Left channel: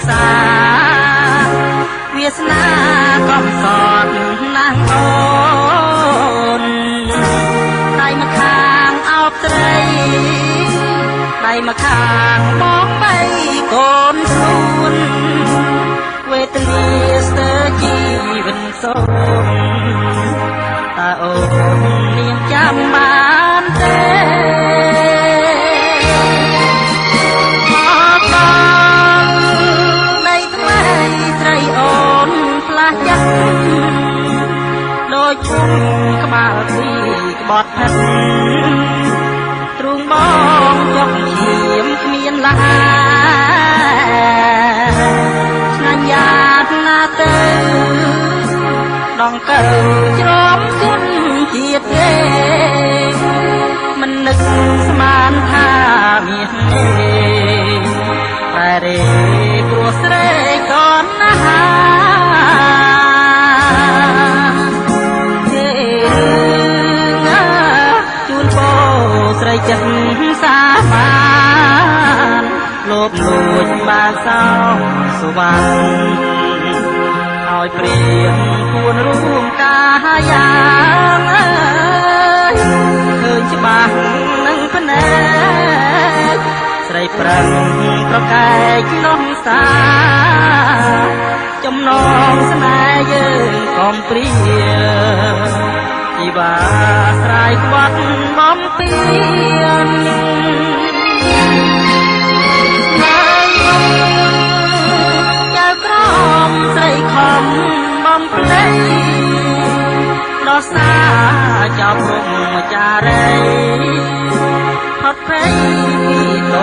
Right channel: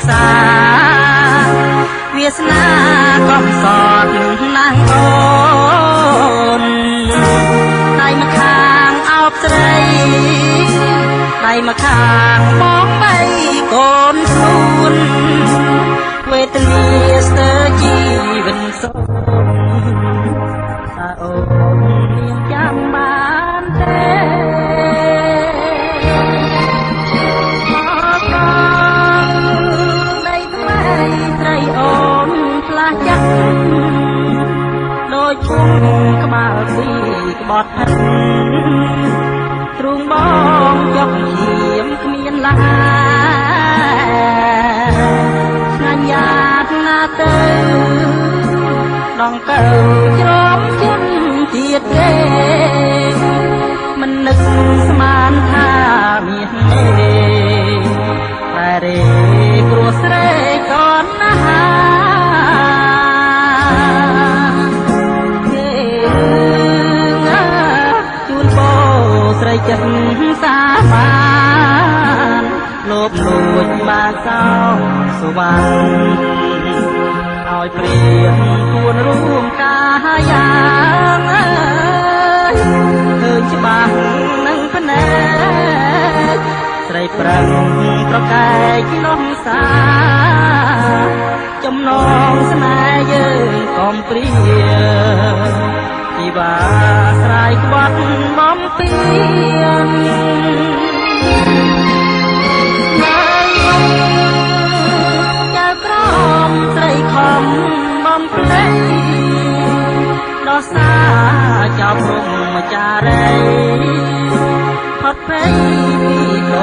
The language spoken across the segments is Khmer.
ក្សាវាសនាកំសត់ណាងអូនដៃម្ខាងអោបស្រីដៃម្ខាងមកបីកូនខ្លួន វេទនាស្ទើរជីវិតសូមតើអូនមានចាំបានទេមកដល់ដីថ្មីស្រីអូនផ្លាស់ចិត្តដូចពុំក្បាលពីក្បត់ហិនទ្រូងបងចុកឈាមគ្មានឡាទៅដងកើជ្រំជន់ទៀតទេមិននឹកស្មានថាមានទេតែរេព្រោះស្រេកូនណាជូនពោស្រីចិត្តសាបានលោបលួចបានសោសវណ្ណឲ្យព្រៀងពួនរួមកាយ៉ាងឃើញច្បាស់នឹងភ្នែកស្រីប្រឹងប្រកែកនោះសាចំណងស្នេហ៍យើងកំព្រាជីវាស្រ័យក្បត់បំពេញស្រីខំបំភ្លេចដល់សាចាប់រំចារីផុតព្រៃពីត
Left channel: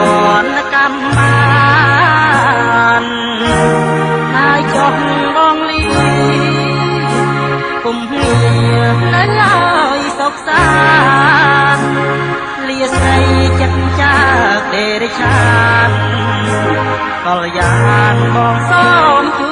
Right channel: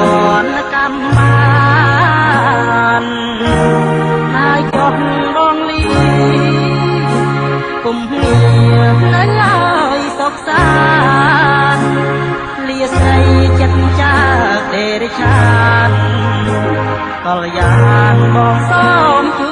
នកម្មបានហើយចុះបងលីពុំមាននៅឡើយសុខសាន្តលាស្រីចិត្តចាទេរិឆាន កល្យានបងសូមគូ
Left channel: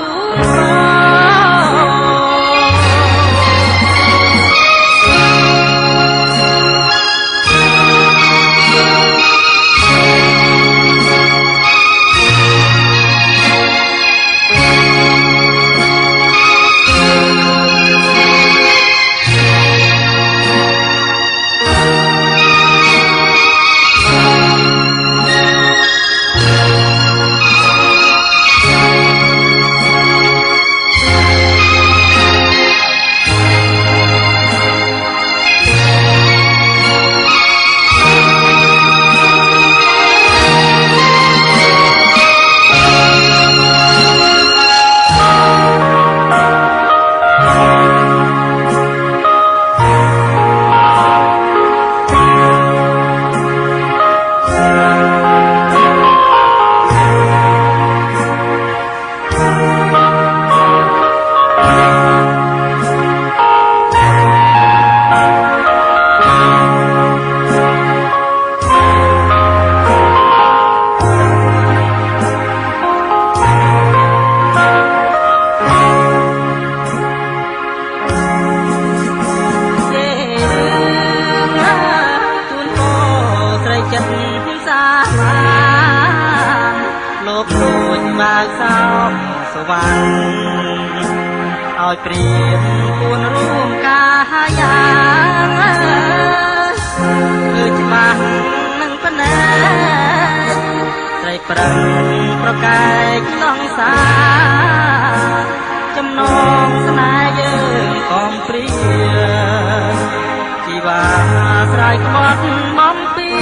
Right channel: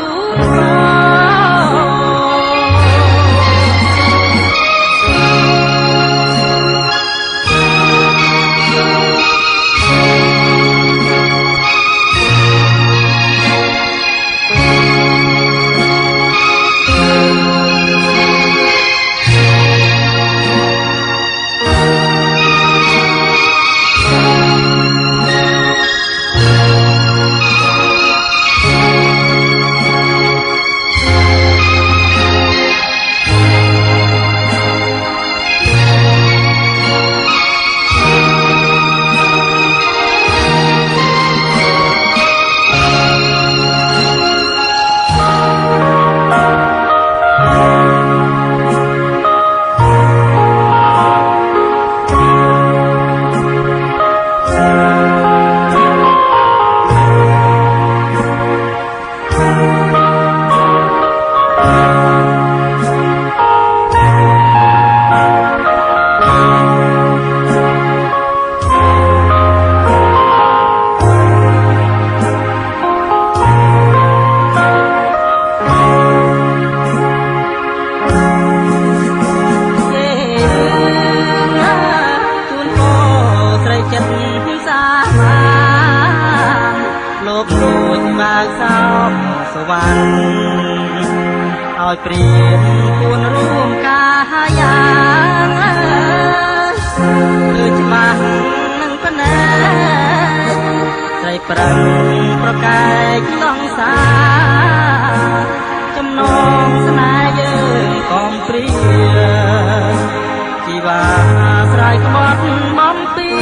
ឲ្យព្រៀងពួនរួមកាយ៉ាងលើច្បាស់នឹងភ្នែកស្រីប្រឹងប្រកែកក្នុងសាចំណងស្នេហ៍យើងកំព្រាជីវាស្រ័យក្បត់បំពេញ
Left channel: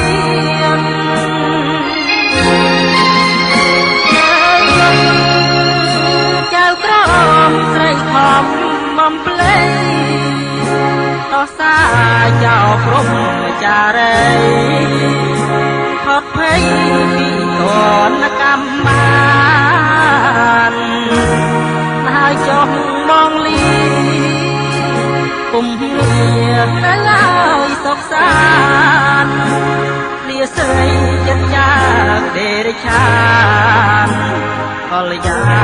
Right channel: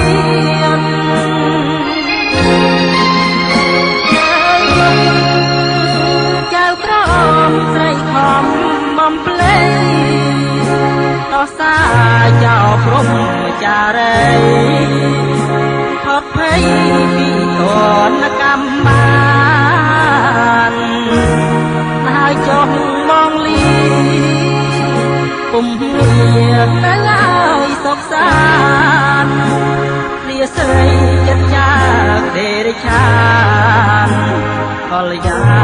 ចៅក្រមស្រីខំបំភ្លេចតោះសាយោព្រំចារីផុតភ័យតនកម្មបានហើយចុះមកលីពុំមាននៅឡើយសុខសាន្តលាស្រីចិត្តចាទេរិឆានកល្យា